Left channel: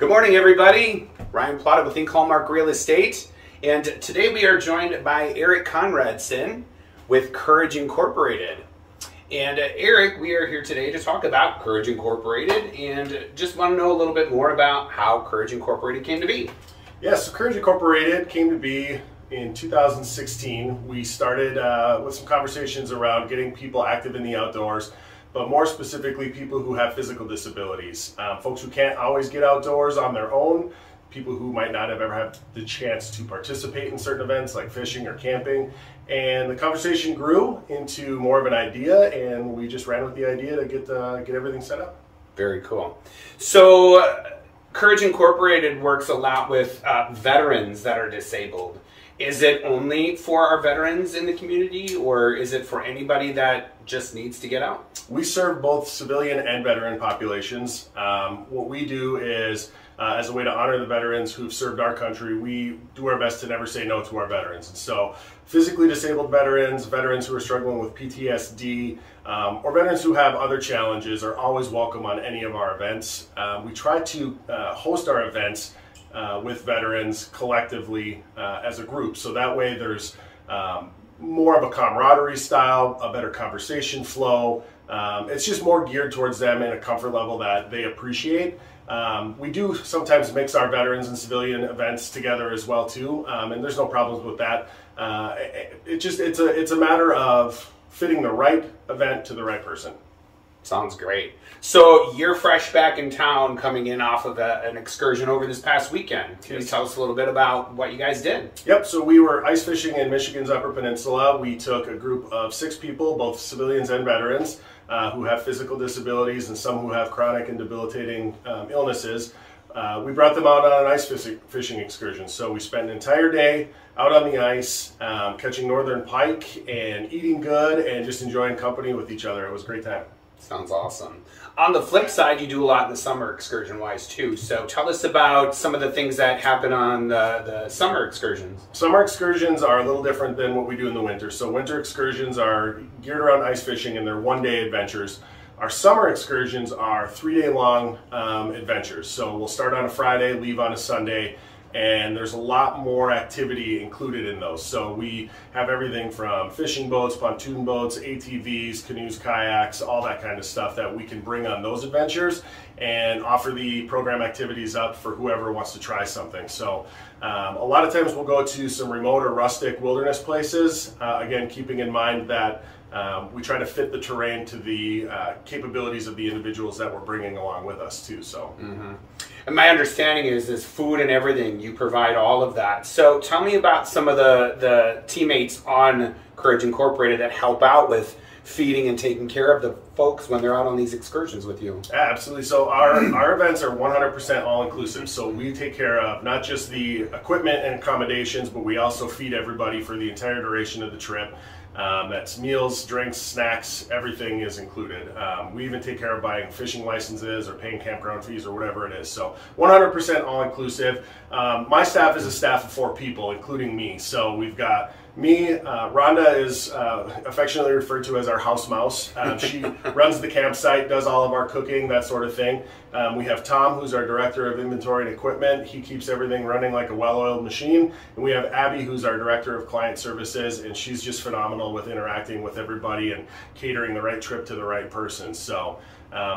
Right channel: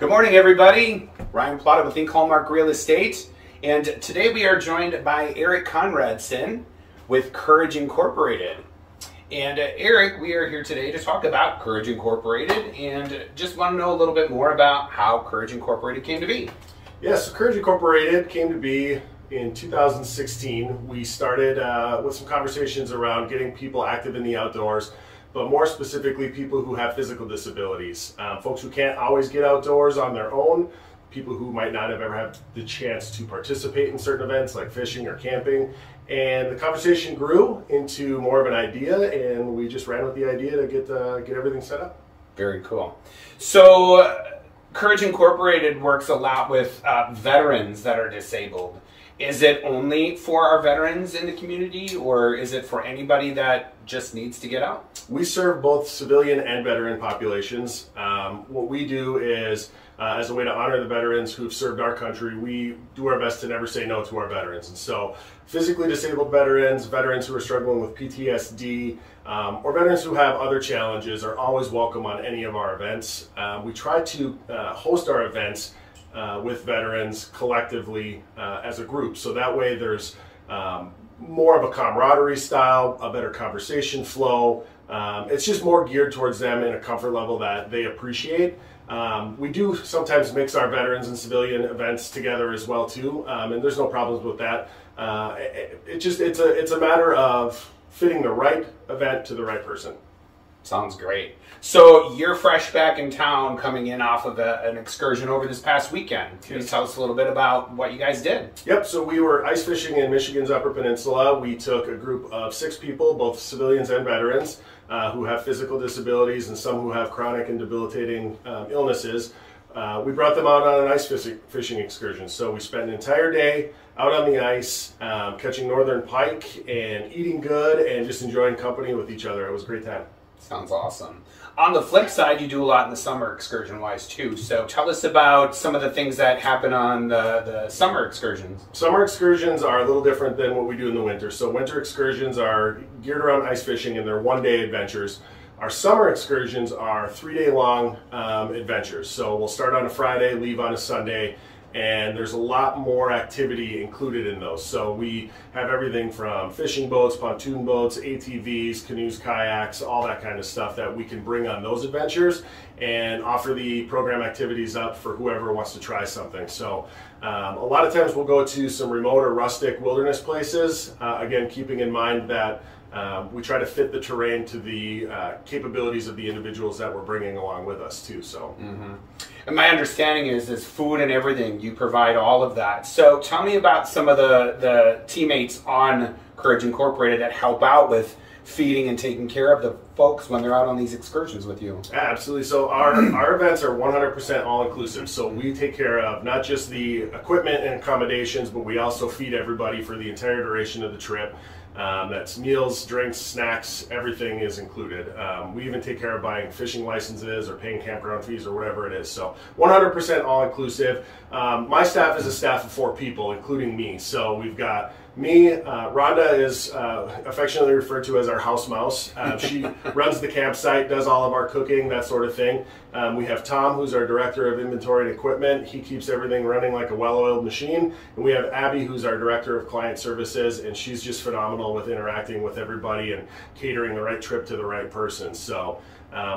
Good morning, everybody. Ryan Plata with Hallmark Real Estate, and today we are joined by Erik Conradson with Courage Incorporated. And Erik, we are here today to talk about Courage Incorporated, and just want to know a little bit more about how Courage Incorporated came to be. Yes, Courage Incorporated came to be in 2016. We started with some conversations around getting people active in the outdoors, but more specifically people who have physical disabilities, folks who can't always get outdoors on their own, people who might not have ever had the chance to participate in certain events like fishing or camping. And the conversation grew into more of an idea, and we just ran with the idea to get everything set up. Very cool. So Courage Incorporated works a lot with veterans that are disabled. Is it only for our veterans in the community, or is it for anybody that just needs to get out? We serve both civilian and veteran populations. What we do is, as a way to honor the veterans who've served our country, we do our best to never say no to our veterans. And so physically disabled veterans, veterans who are struggling with PTSD, or veterans who have other challenges are always welcome on any of our events. We try to host our events with veterans collectively as a group. So that way there's more of a camaraderie style, a better conversation flow. It's just more geared towards them in a comfort level that they appreciate. We do sometimes mix our veterans and civilian events together as well too, and there's no problems with that. It's a matter of fitting the right event to the right person. Sounds great. So you're fresh back in town, coming in off of an excursion over this past weekend. Can you tell us a little bit about what you guys did? Yep, so we were ice fishing in Michigan's Upper Peninsula. We took a group of 6 people, both civilians and veterans, who have physical disabilities and some who have chronic and debilitating illnesses. We brought them out on an ice fishing excursion. So we spent an entire day out on the ice, catching northern pike and eating good and just enjoying company with each other. It was a great time. Sounds awesome. On the flip side, you do a lot in the summer excursion-wise too. So tell us about some of the things that happen on the summer excursions. Summer excursions are a little different than what we do in the winter. So winter excursions are geared around ice fishing, and they're one-day adventures. Our summer excursions are 3-day-long adventures. So we'll start on a Friday, leave on a Sunday, and there's a lot more activity included in those. So we have everything from fishing boats, pontoon boats, ATVs, canoes, kayaks, all that kind of stuff that we can bring on those adventures and offer the program activities up for whoever wants to try something. So a lot of times we'll go to some remote or rustic wilderness places, again, keeping in mind that we try to fit the terrain to the capabilities of the individuals that we're bringing along with us too. So, And my understanding is food and everything, you provide all of that. So tell me about some of the teammates on Courage Incorporated that help out with feeding and taking care of the folks when they're out on these excursions with you. Absolutely. So our events are 100% all-inclusive. So we take care of not just the equipment and accommodations, but we also feed everybody for the entire duration of the trip. That's meals, drinks, snacks, everything is included. We even take care of buying fishing licenses or paying campground fees or whatever it is. So 100% all-inclusive. My staff is a staff of 4 people, including me. So we've got me, Rhonda is affectionately referred to as our house mouse. She runs the campsite, does all of our cooking, that sort of thing. We have Tom, who's our director of inventory and equipment. He keeps everything running like a well-oiled machine. And we have Abby, who's our director of client services, and she's just phenomenal with interacting with everybody and catering the right trip to the right person. So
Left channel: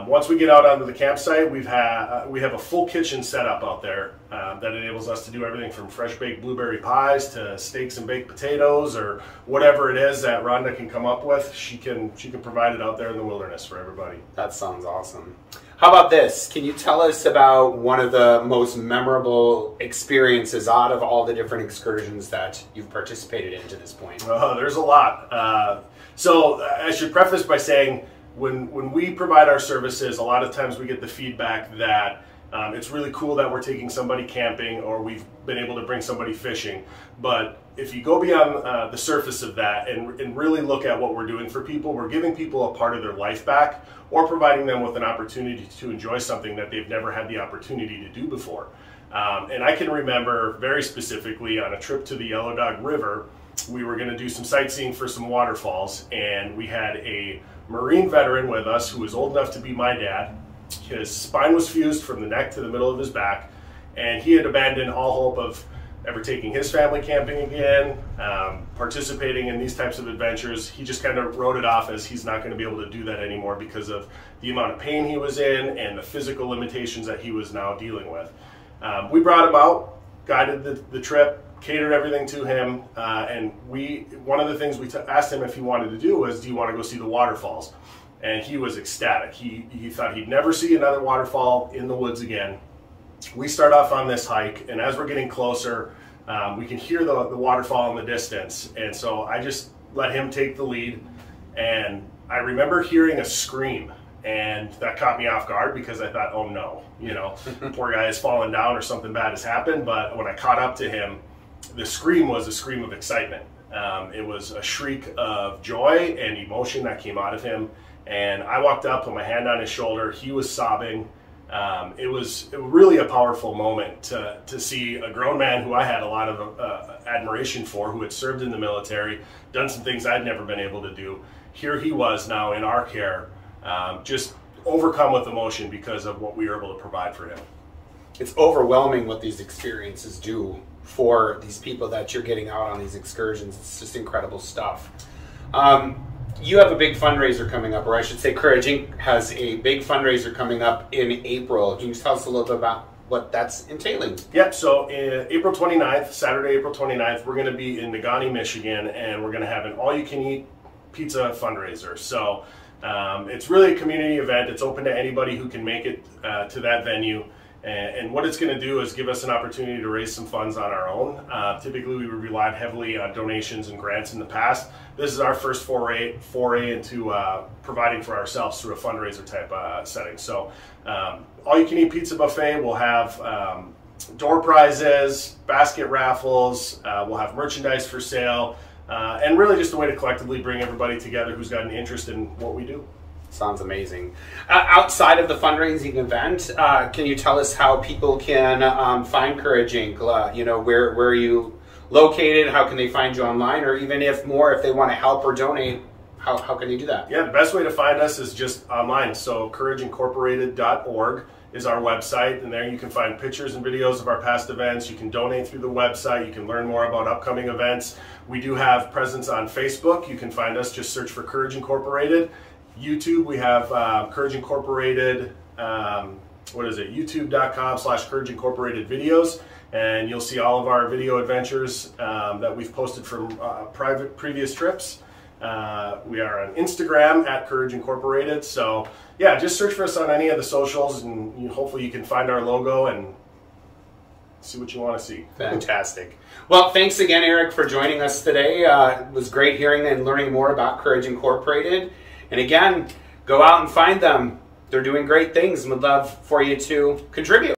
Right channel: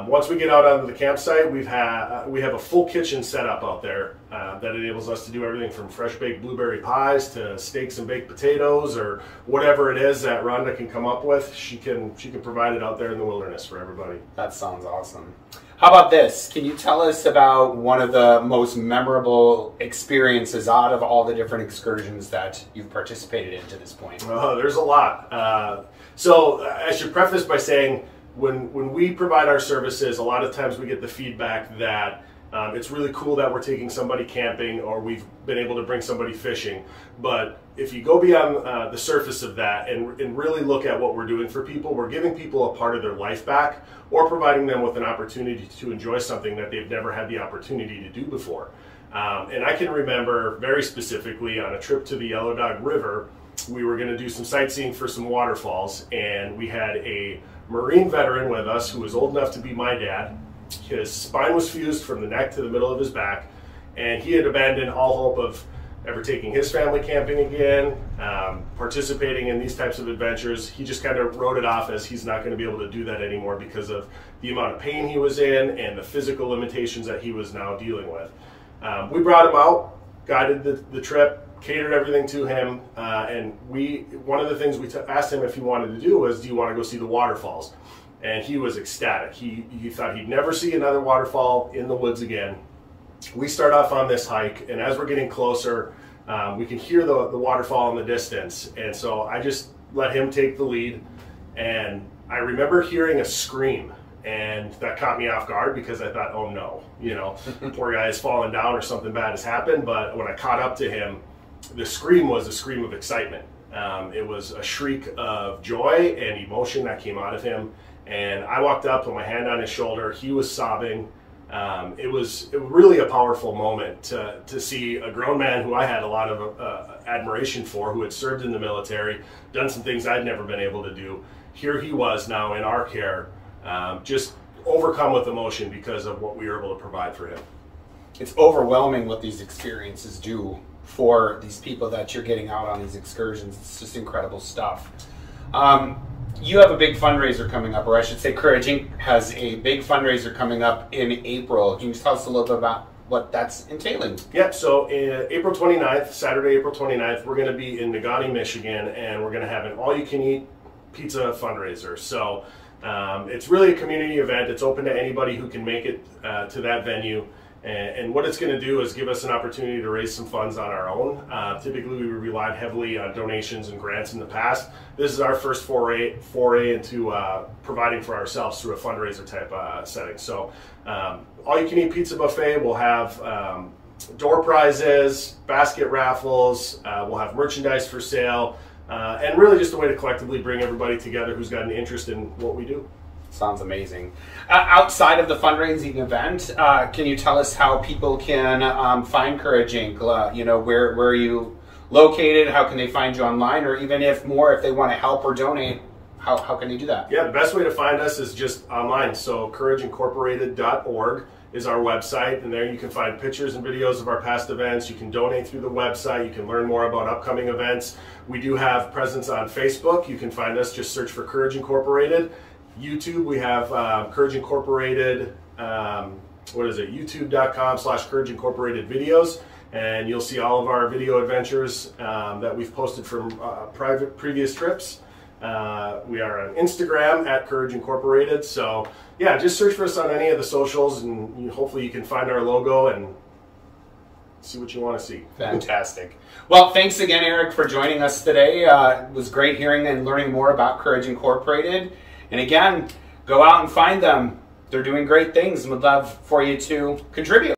once we get out onto the campsite, we have a full kitchen setup out there that enables us to do everything from fresh baked blueberry pies to steaks and baked potatoes or whatever it is that Rhonda can come up with. She can provide it out there in the wilderness for everybody. That sounds awesome. How about this? Can you tell us about one of the most memorable experiences out of all the different excursions that you've participated in to this point? There's a lot. So I should preface by saying, when we provide our services, a lot of times we get the feedback that it's really cool that we're taking somebody camping or we've been able to bring somebody fishing. But if you go beyond the surface of that and really look at what we're doing for people, we're giving people a part of their life back or providing them with an opportunity to enjoy something that they've never had the opportunity to do before. And I can remember very specifically on a trip to the Yellow Dog River, we were going to do some sightseeing for some waterfalls, and we had a Marine veteran with us who was old enough to be my dad, His spine was fused from the neck to the middle of his back, and he had abandoned all hope of ever taking his family camping again, participating in these types of adventures. He just kind of wrote it off as he's not going to be able to do that anymore because of the amount of pain he was in and the physical limitations that he was now dealing with. We brought him out, guided the trip, catered everything to him, and one of the things we asked him if he wanted to do was, do you want to go see the waterfalls? And he was ecstatic. He thought he'd never see another waterfall in the woods again. We start off on this hike, and as we're getting closer, we can hear the waterfall in the distance. And so I just let him take the lead, and I remember hearing a scream, and that caught me off guard because I thought, oh no, you know, poor guy has fallen down or something bad has happened. But when I caught up to him, the scream was a scream of excitement. It was a shriek of joy and emotion that came out of him. And I walked up, put my hand on his shoulder. He was sobbing. It was really a powerful moment to see a grown man who I had a lot of admiration for, who had served in the military, done some things I'd never been able to do. Here he was now in our care, just overcome with emotion because of what we were able to provide for him. It's overwhelming what these experiences do for these people that you're getting out on these excursions. It's just incredible stuff. You have a big fundraiser coming up, or I should say Courage Inc. has a big fundraiser coming up in April. Can you tell us a little bit about what that's entailing? Yep, so April 29th, Saturday, April 29th, we're going to be in Negaunee, Michigan, and we're going to have an all-you-can-eat pizza fundraiser. So it's really a community event. It's open to anybody who can make it to that venue. And what it's going to do is give us an opportunity to raise some funds on our own. Typically, we relied heavily on donations and grants in the past. This is our first foray into providing for ourselves through a fundraiser type setting. So, all-you-can-eat pizza buffet. We'll have door prizes, basket raffles. We'll have merchandise for sale, and really just a way to collectively bring everybody together who's got an interest in what we do. Sounds amazing. Outside of the fundraising event, can you tell us how people can find Courage Inc.? You know, where are you located? How can they find you online? Or even if they want to help or donate, how can they do that? Yeah, the best way to find us is just online. So courageincorporated.org is our website, and there you can find pictures and videos of our past events. You can donate through the website. You can learn more about upcoming events. We do have presence on Facebook. You can find us, just search for Courage Incorporated. YouTube, we have Courage Incorporated, youtube.com/Courage Incorporated videos, and you'll see all of our video adventures that we've posted from previous trips. We are on Instagram at Courage Incorporated. So yeah, just search for us on any of the socials, and hopefully you can find our logo and see what you want to see. Fantastic. Well, thanks again, Erik, for joining us today. It was great hearing and learning more about Courage Incorporated. And again, go out and find them. They're doing great things and would love for you to contribute.